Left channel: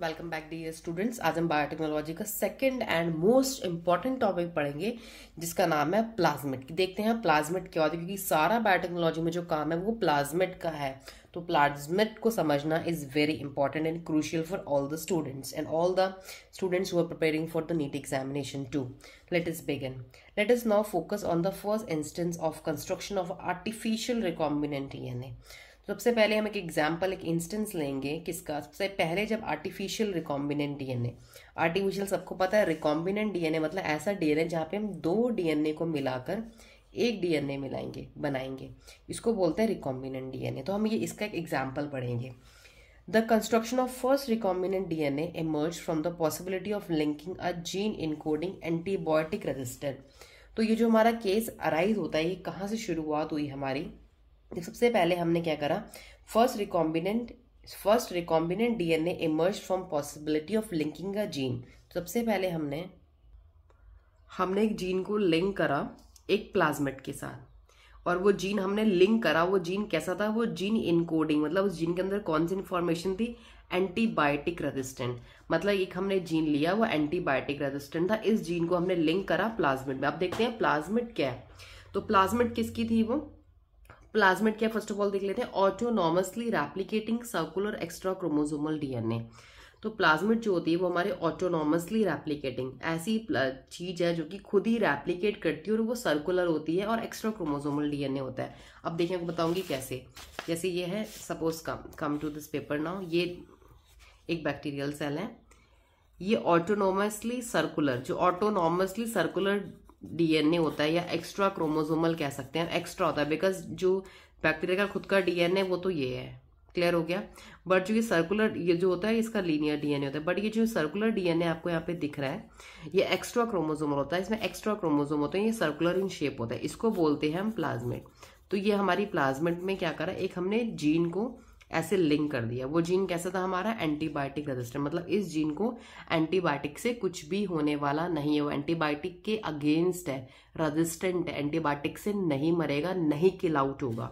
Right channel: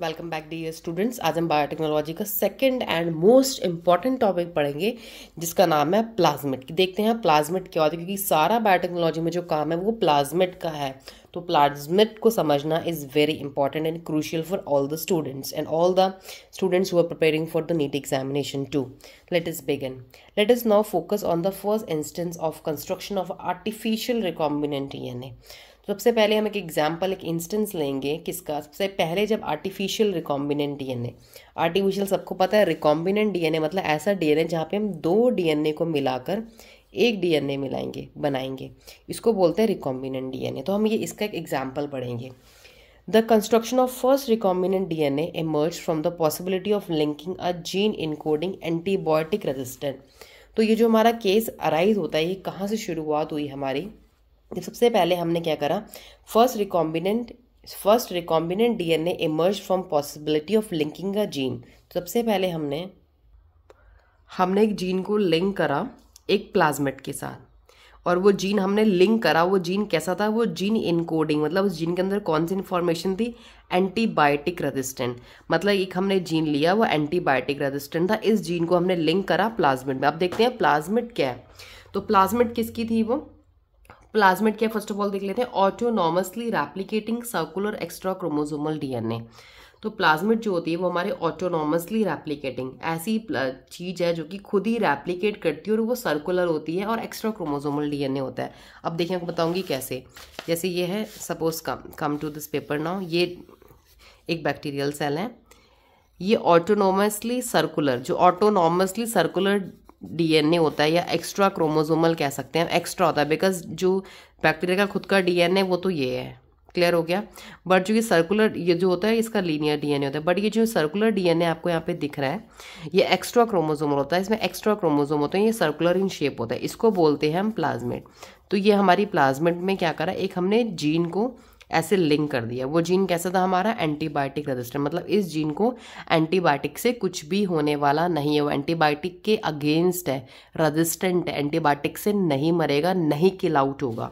Welcome back dear students. आज हम biotechnology का second and most important topic पढ़ेंगे जिसका नाम है प्लाज्मिड। देखते हैं प्लाज्मिड क्या होता है, क्योंकि सारा बायोटेक्नोलॉजी में जो काम है वो प्लाज्मिड का है। तो प्लाज्मिड को समझना is very important and crucial for all the students and all the students who are preparing for the NEET examination too. Let us begin. Let us now focus on the first instance of construction of artificial recombinant DNA. सबसे पहले हम एक example, एक instance लेंगे किसका। सबसे पहले जब आर्टिफिशियल रिकॉम्बिनेंट डीएनए, आर्टिफिशियल सबको पता है, रिकॉम्बिनेंट डीएनए मतलब ऐसा डीएनए जहाँ पे हम दो डीएनए को मिलाकर एक डीएनए मिलाएंगे, बनाएंगे, इसको बोलते हैं रिकॉम्बिनेंट डीएनए। तो हम ये इसका एक एग्जाम्पल पढ़ेंगे। The construction of first recombinant DNA emerge from the possibility of linking a gene encoding antibiotic resistant. तो ये जो हमारा केस अराइज होता है, ये कहाँ से शुरुआत हुई हमारी। सबसे पहले हमने क्या करा, first recombinant DNA emerge from possibility of linking a gene. सबसे पहले हमने एक जीन को लिंक करा एक प्लाज्मिड के साथ, और वो जीन हमने लिंक करा, वो जीन कैसा था, वो जीन इनकोडिंग, मतलब उस जीन के अंदर कौन सी इंफॉर्मेशन थी, एंटीबायोटिक रेजिस्टेंट। मतलब एक हमने जीन लिया, वो एंटीबायोटिक रेजिस्टेंट था, इस जीन को हमने लिंक करा प्लाज्मिड में। अब देखते हैं प्लाज्मिड क्या है। तो प्लाज्मिड किसकी थी, वो प्लाज्मिड क्या, फर्स्ट ऑफ ऑल देख लेते हैं। Autonomously replicating circular extra chromosomal DNA. तो प्लाज्मिड जो होती है वो हमारे ऑटोनॉमसली रेप्लिकेटिंग ऐसी चीज है जो कि खुद ही रेप्लिकेट करती है, और वो सर्कुलर होती है और एक्स्ट्रा क्रोमोसोमल डीएनए होता है। अब देखिए, आपको बताऊंगी कैसे। जैसे ये है, suppose come to this paper now, ये एक बैक्टीरियल सेल है, ये ऑटोनॉमसली सर्कुलर, जो ऑटोनॉमसली सर्कुलर डीएनए होता है, या एक्स्ट्रा क्रोमोसोमल कह सकते हैं। एक्स्ट्रा होता है बिकॉज जो बैक्टीरिया का खुद का डीएनए वो तो ये है, क्लियर हो गया। बट जो ये सर्कुलर, ये जो होता है इसका लीनियर डीएनए होता है, बट ये जो सर्कुलर डीएनए आपको यहाँ पे दिख रहा है, ये एक्स्ट्रा क्रोमोसोमल होता है। इसमें एक्स्ट्रा क्रोमोसोम होते हैं, ये सर्कुलर इन शेप होता है, इसको बोलते हैं हम प्लाज्मिड। तो ये हमारी प्लाज्मिड में क्या करा, एक हमने जीन को ऐसे लिंक कर दिया। वो जीन कैसा था हमारा, एंटीबायोटिक रेजिस्टेंट, मतलब इस जीन को एंटीबायोटिक से कुछ भी होने वाला नहीं है, वो एंटीबायोटिक के अगेंस्ट है, रेजिस्टेंट है, एंटीबायोटिक से नहीं मरेगा, नहीं किल आउट होगा।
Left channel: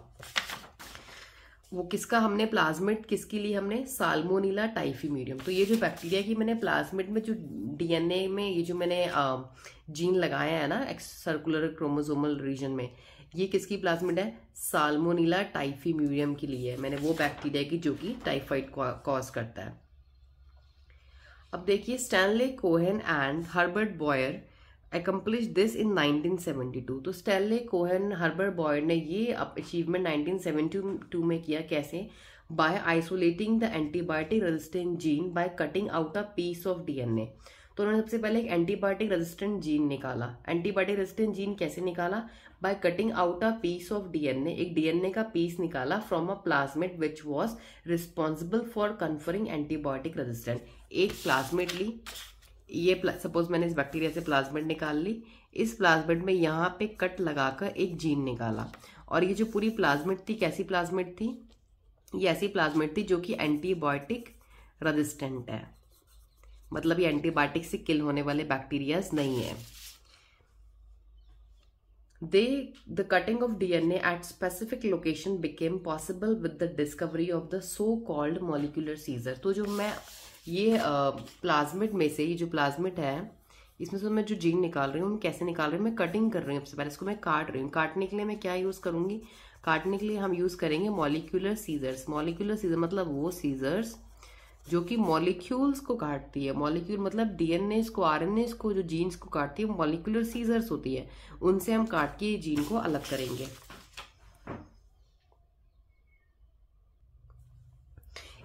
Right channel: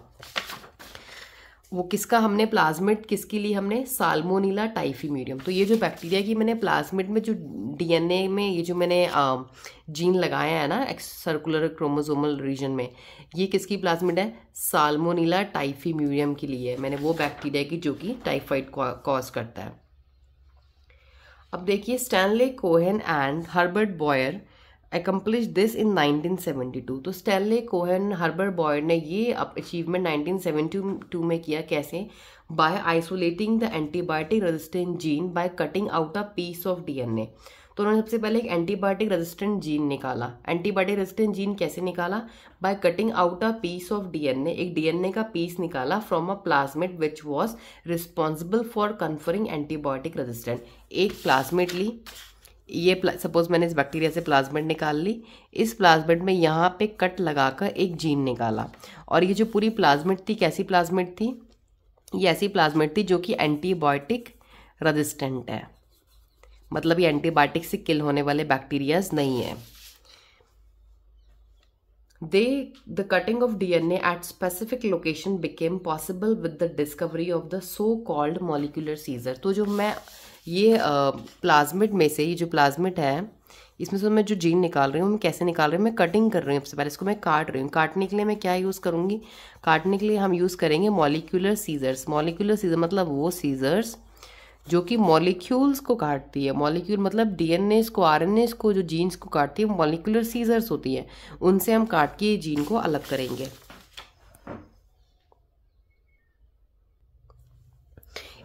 वो किसका हमने प्लाज्मिड किसके लिए, हमने साल्मोनेला टाइफीम्यूरियम। तो ये जो बैक्टीरिया की मैंने प्लाज्मिड में जो डीएनए में ये जो मैंने जीन लगाया है ना सर्कुलर क्रोमोसोमल रीजन में, ये किसकी प्लाज्मिड है, साल्मोनेला टाइफीम्यूरियम के लिए है। मैंने वो बैक्टीरिया की जो कि टाइफाइड कॉज करता है। अब देखिए, Stanley Cohen and Herbert Boyer accomplished this in 1972। तो स्टैनले कोहेन, हर्बर्ट बॉयर ने ये अचीवमेंट 1972 में किया। कैसे, by isolating the antibiotic resistant gene by cutting out a piece of DNA. तो उन्होंने सबसे पहले एक एंटीबायोटिक रेजिस्टेंट जीन निकाला। एंटीबायोटिक रेजिस्टेंट जीन कैसे निकाला, by cutting out a piece of DNA, एक डीएनए का पीस निकाला from a plasmid which was responsible for conferring antibiotic resistant. एक प्लाज्मिड ली, ये सपोज मैंने इस बैक्टीरिया से प्लाज्मिड निकाल ली, इस प्लाज्मिड में यहाँ पे कट लगाकर एक जीन निकाला, और ये जो पूरी प्लाज्मिड थी कैसी प्लाज्मिड थी, ये ऐसी प्लाज्मिड थी जो कि एंटीबायोटिक रेजिस्टेंट है, मतलब ये एंटीबायोटिक से किल होने वाले बैक्टीरियाज नहीं है। The cutting of DNA at specific location became possible with the discovery of the so-called molecular seizure। तो जो मैं ये प्लाज्मिड में से, ये जो प्लाज्मिड है इसमें से मैं जो जीन निकाल रही हूँ, मैं कैसे निकाल रही हूँ, मैं कटिंग कर रही हूँ। सबसे पहले इसको मैं काट रही हूँ। काटने के लिए मैं क्या यूज़ करूँगी, काटने के लिए हम यूज़ करेंगे मॉलिक्यूलर सीजर्स। मॉलिक्यूलर सीजर मतलब वो सीजर्स जो कि मॉलिक्यूल्स को काटती है। मॉलिक्यूल मतलब डीएनए को, आरएनए को, जो जीन्स को काटती है, मॉलिक्यूलर सीजर्स होती है, उनसे हम काट के जीन को अलग करेंगे।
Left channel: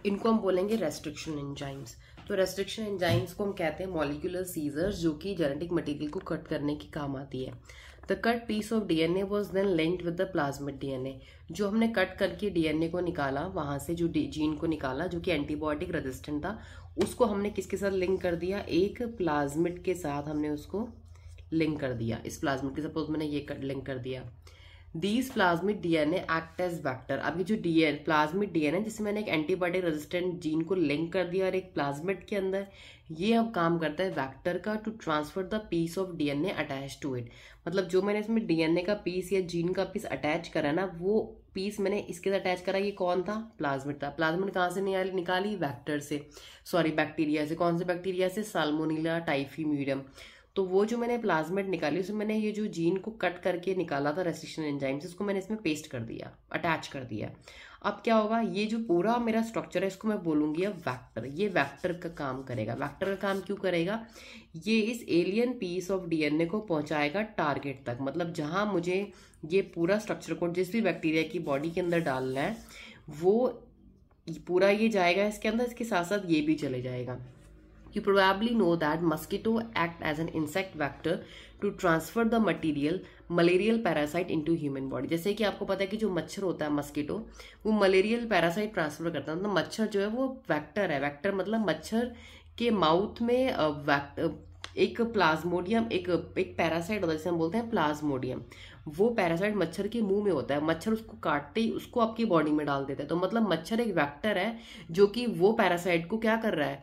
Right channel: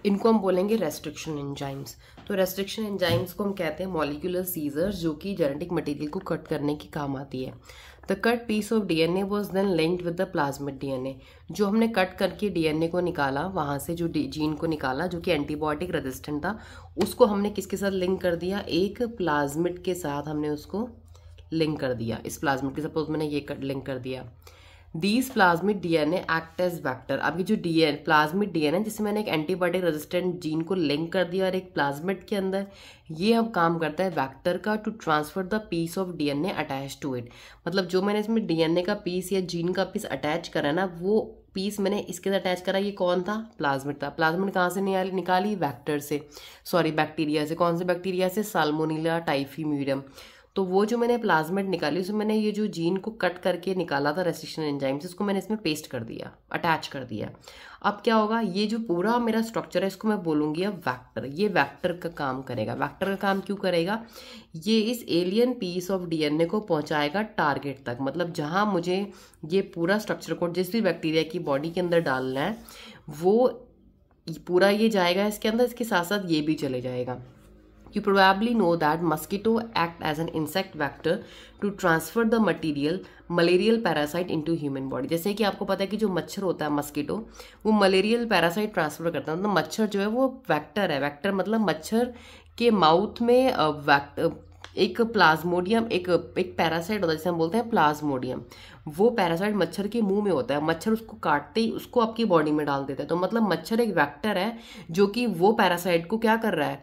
इनको हम बोलेंगे रेस्ट्रिक्शन एंजाइम्स। तो रेस्ट्रिक्शन एंजाइम्स को हम कहते हैं मॉलिक्यूलर सीजर्स, जो कि जेनेटिक मटेरियल को कट करने की काम आती है। The cut piece of DNA was then linked with the plasmid DNA. जो हमने कट करके डीएनए को निकाला, वहां से जो जीन को निकाला जो कि एंटीबायोटिक रेजिस्टेंट था, उसको हमने किसके साथ लिंक कर दिया, एक प्लाज्मिड के साथ हमने उसको लिंक कर दिया। इस प्लाज्मिड के, सपोज मैंने ये लिंक कर दिया। These plasmid DNA act as vector. अब ये जो प्लाज्मिड डीएनए जिसमें मैंने एक एंटीबायोटिक रेजिस्टेंट जीन को लिंक कर दिया और एक प्लाज्मिड के अंदर, ये अब काम करता है वैक्टर का, to transfer the piece of DNA attach to it. मतलब जो मैंने इसमें डीएनए का पीस या जीन का पीस अटैच करा ना, वो पीस मैंने इसके साथ अटैच करा, ये कौन था? प्लाज्मिड था। प्लाज्मिड कहाँ से निकाली? वेक्टर से, सॉरी बैक्टीरिया से। कौन से बैक्टीरिया से? साल्मोनेला टाइफीम्यूडियम। तो वो जो मैंने प्लाज्मिड निकाली उसमें मैंने ये जो जीन को कट करके निकाला था रेस्ट्रिक्शन एंजाइम से, इसको मैंने इसमें पेस्ट कर दिया, अटैच कर दिया। अब क्या होगा, ये जो पूरा मेरा स्ट्रक्चर है इसको मैं बोलूँगी अब वेक्टर। ये वेक्टर का काम करेगा। वेक्टर का काम क्यों करेगा? ये इस एलियन पीस ऑफ डीएनए को पहुंचाएगा टारगेट तक। मतलब जहां मुझे ये पूरा स्ट्रक्चर कोड जिस भी बैक्टीरिया की बॉडी के अंदर डालना है वो पूरा ये जाएगा इसके अंदर, इसके साथ साथ ये भी चले जाएगा। You probably know that mosquito act as an insect vector to transfer the malarial parasite into human body। जैसे कि आपको पता है कि जो मच्छर होता है मस्कीटो, वो मलेरियल पैरासाइट ट्रांसफर करता है। मतलब मच्छर जो है वो वेक्टर है। वेक्टर मतलब मच्छर के माउथ में एक प्लाज्मोडियम, एक पैरासाइट होता है जिसे हम बोलते हैं प्लाज्मोडियम। वो पैरासाइट मच्छर के मुंह में होता है। मच्छर उसको काटते ही उसको आपकी बॉडी में डाल देता है। तो मतलब मच्छर एक वेक्टर है जो कि वो पैरासाइट को क्या कर रहा है,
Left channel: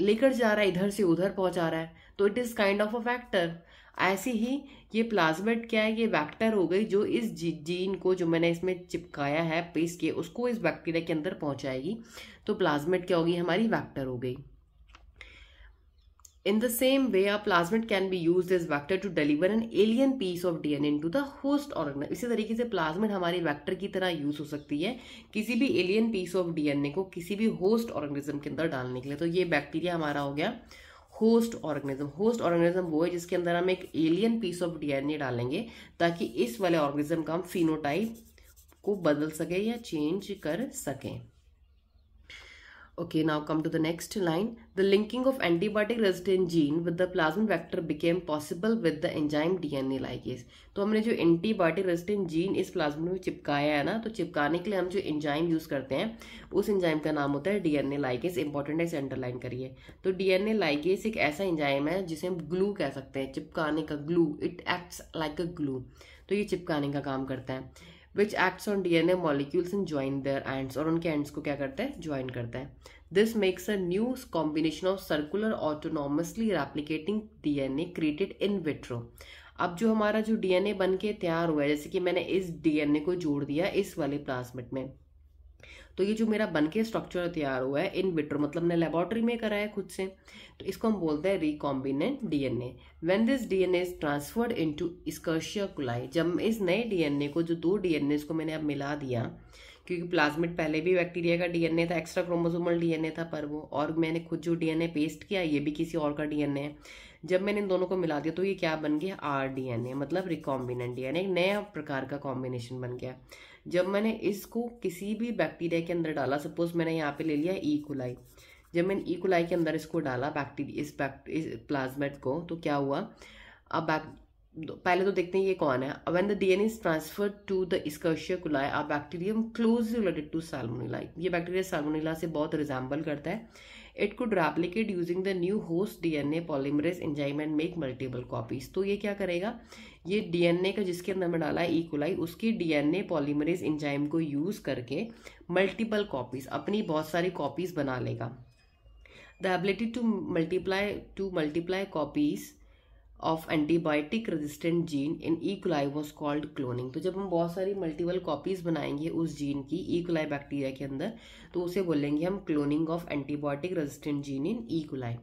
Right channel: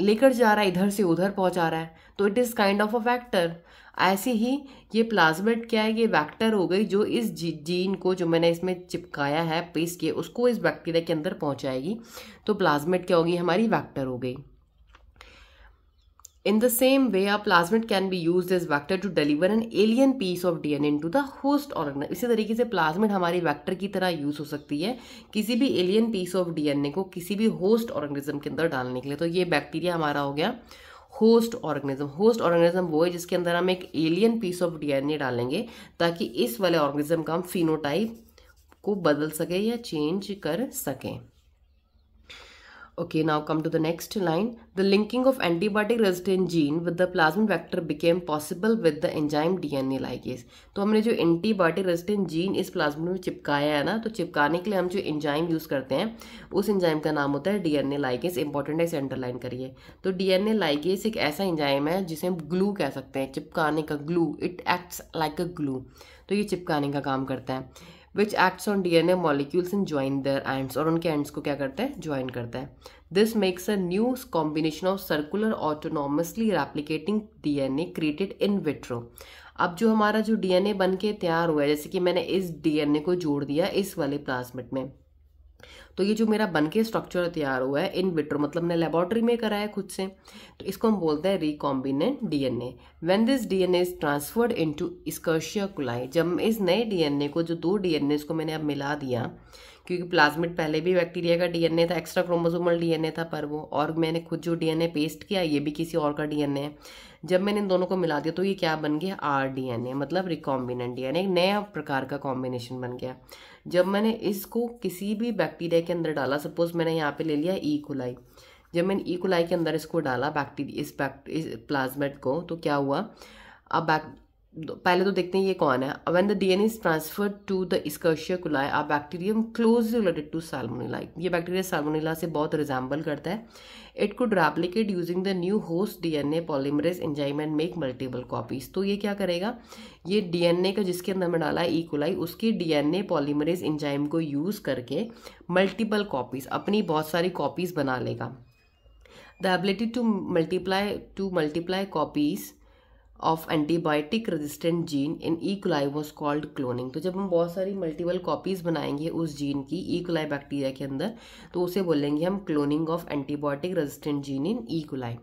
लेकर जा रहा है, इधर से उधर पहुंचा रहा है। तो it is kind of a vector. ऐसे ही ये प्लाज्मिड क्या है, ये वेक्टर हो गई जो इस जीन को जो मैंने इसमें चिपकाया है, पेस्ट किया, उसको इस बैक्टीरिया के अंदर पहुंचाएगी। तो प्लाज्मिड क्या होगी, हमारी वेक्टर हो गई। In the same way, a plasmid can be used as vector to deliver an alien piece of DNA into the host organism। इसी तरीके से प्लाज्मिड हमारी वेक्टर की तरह यूज हो सकती है किसी भी एलियन पीस ऑफ डीएनए को किसी भी होस्ट ऑर्गेनिज्म के अंदर डालने के लिए। तो ये बैक्टीरिया हमारा हो गया होस्ट ऑर्गेनिज्म। होस्ट ऑर्गेनिज्म वो है जिसके अंदर हम एक एलियन पीस ऑफ डीएनए डालेंगे ताकि इस वाले ऑर्गेनिज्म का हम फिनोटाइप को बदल सके या चेंज कर सकें। Okay, now come to the next line. The linking of antibiotic resistant gene with the plasmid vector became possible with the enzyme DNA ligase। तो हमने जो एंटीबायोटिक रेजिस्टेंट जीन इस प्लाज्मिड में चिपकाया है ना, तो चिपकाने के लिए हम जो एंजाइम यूज करते हैं उस एंजाइम का नाम होता है डीएनए लाइगेस। इंपॉर्टेंट है, इसे अंडरलाइन करिए। तो डीएनए लाइगेस एक ऐसा एंजाइम है जिसे हम ग्लू कह सकते हैं, चिपकाने का glue. It acts like a glue. तो ये चिपकाने का काम करता है। Which acts on DNA molecules and join their ends, और उनके एंड्स को क्या करता है, ज्वाइन करता है। This makes a new combination of circular autonomously replicating DNA created in vitro. अब जो हमारा जो डीएनए बन के तैयार हुआ है, जैसे कि मैंने इस डीएनए को जोड़ दिया इस वाले प्लाज्मिड में, तो ये जो मेरा बन के स्ट्रक्चर तैयार हुआ है इन विट्रो, मतलब मैंने लेबोरेटरी में कराया खुद से, तो इसको हम बोलते हैं recombinant DNA. When this DNA is transferred into Escherichia coli, जब इस नए डीएनए को, जो दो डीएनए को मैंने अब मिला दिया, क्योंकि प्लाज्मिड पहले भी बैक्टीरिया का डीएनए था, एक्स्ट्रा क्रोमोसोमल डीएनए था पर वो, और मैंने खुद जो डीएनए पेस्ट किया ये भी किसी और का डीएनए है। जब मैंने इन दोनों को मिला दिया तो ये क्या बन गया, आरडीएनए, मतलब रिकॉम्बिनेंट डीएनए, एक नया प्रकार का कॉम्बिनेशन बन गया। जब मैंने इसको किसी भी बैक्टीरिया के अंदर डाला, सपोज मैंने यहाँ पे ले लिया ई कोलाई, जब मैंने ई कोलाई के अंदर इसको डाला बैक्टीरिया, इस प्लाज्मिड को, तो क्या हुआ, अब पहले तो देखते हैं ये कौन है। When the DNA is transferred to the Escherichia coli, a bacterium closely related to Salmonella. ये बैक्टीरिया साल्मोनेला से बहुत रिजेंबल करता है। It could replicate using the new host DNA polymerase enzyme and make multiple copies. तो ये क्या करेगा, ये डीएनए का जिसके अंदर में डाला है ई कोलाई, उसकी डीएनए पॉलीमरेज एंजाइम को यूज करके मल्टीपल कॉपीज, अपनी बहुत सारी कॉपीज बना लेगा। The ability to multiply copies of antibiotic resistant gene in E coli was called cloning. तो जब हम बहुत सारी मल्टीपल कॉपीज बनाएंगे उस जीन की ई कोलाई बैक्टीरिया के अंदर, तो उसे बोलेंगे हम cloning of antibiotic resistant gene in E coli.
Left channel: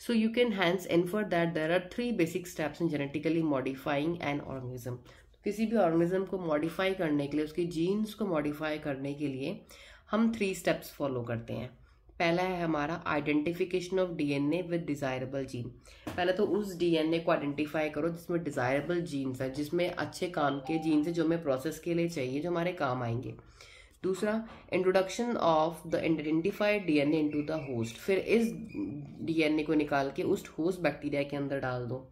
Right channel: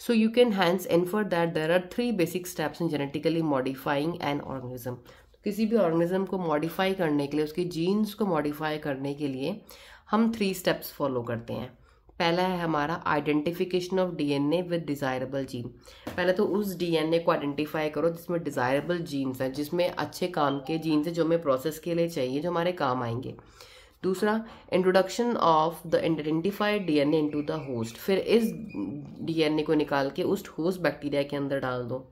So you can hence infer that there are 3 basic steps in genetically modifying an organism। किसी भी ऑर्गेनिज्म को मॉडिफाई करने के लिए, उसके जीन्स को मॉडिफाई करने के लिए हम 3 स्टेप्स फॉलो करते हैं। पहला है हमारा identification of DNA with desirable gene. पहले तो उस डीएनए को आइडेंटिफाई करो जिसमें डिजायरेबल जीन्स हैं, जिसमें अच्छे काम के जीन्स हैं, जो हमें प्रोसेस के लिए चाहिए, जो हमारे काम आएंगे। दूसरा, introduction of the identified DNA into the host. फिर इस डीएनए को निकाल के उस होस्ट बैक्टीरिया के अंदर डाल दो।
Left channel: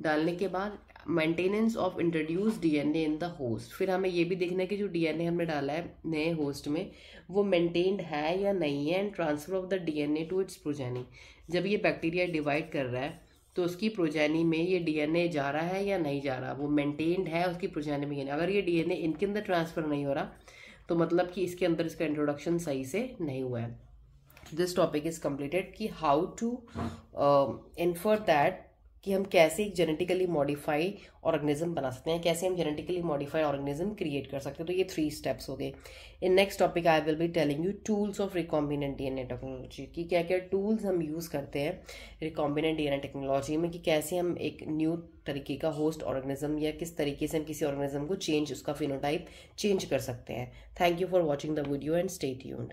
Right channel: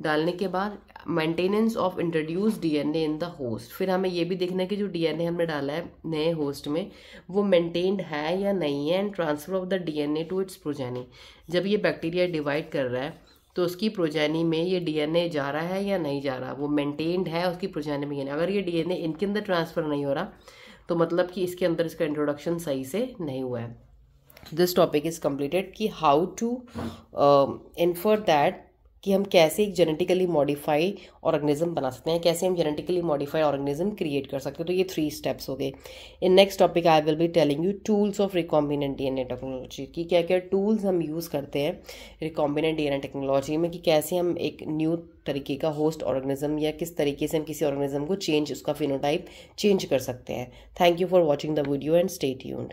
डालने के बाद maintenance of introduce DNA in the host. फिर हमें ये भी देखना है कि जो डीएनए हमने डाला है नए होस्ट में वो मेंटेन्ड है या नहीं है। And transfer of the DNA to its progeny. जब ये बैक्टीरिया डिवाइड कर रहा है तो उसकी प्रोजेनी में ये डीएनए जा रहा है या नहीं जा रहा, वो मेंटेन्ड है उसकी प्रोजेनी में। अगर ये डीएनए इनके अंदर ट्रांसफर नहीं हो रहा तो मतलब कि इसके अंदर इसका इंट्रोडक्शन सही से नहीं हुआ है। दिस टॉपिक इज कंप्लीटेड कि हाउ टू इन्फर दैट कि हम कैसे एक जेनेटिकली मॉडिफाई ऑर्गेनिज्म बना सकते हैं, कैसे हम जेनेटिकली मॉडिफाई ऑर्गेनिज्म क्रिएट कर सकते हैं। तो ये 3 स्टेप्स हो गए। In next topic I will be telling you tools of recombinant DNA technology, कि क्या क्या टूल्स हम यूज़ करते हैं रिकॉम्बिनेंट डीएनए टेक्नोलॉजी में, कि कैसे हम एक न्यू तरीके का होस्ट ऑर्गेनिज्म या किस तरीके से हम किसी ऑर्गेनिज्म को चेंज, उसका फिनोटाइप चेंज कर सकते हैं। Thank you for watching the video and stay tuned.